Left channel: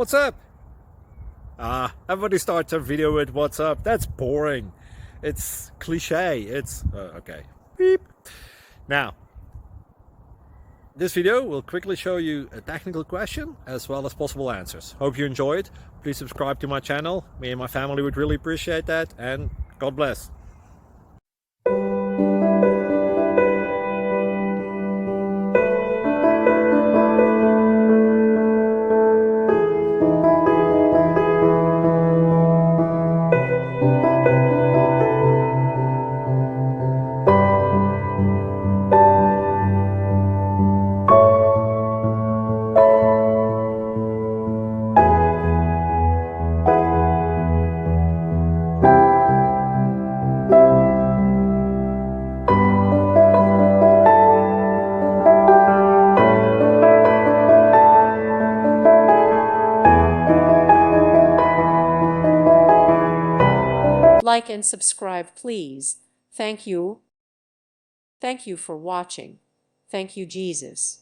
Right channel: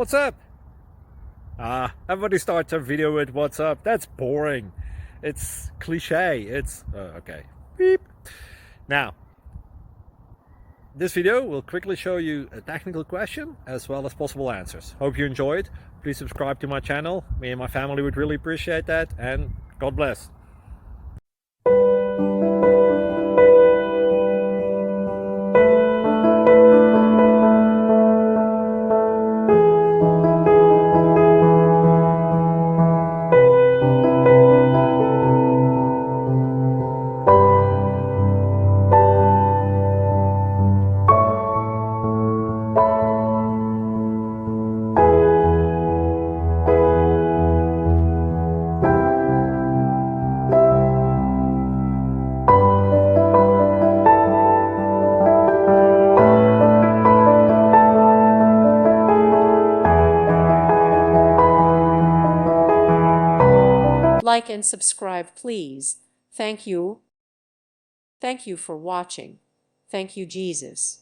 What's up? Everybody starts a video with what's up. That's boring. It's cliche. It's okay. Beep. Now, this video will quickly show you a technical question as well as possible answers. Hope you enjoyed. Please subscribe to my channel. Me and my family would really appreciate that, and God bless. Like and subscribe, please. Thank you. Thank you for watching. Thank you, Jesus.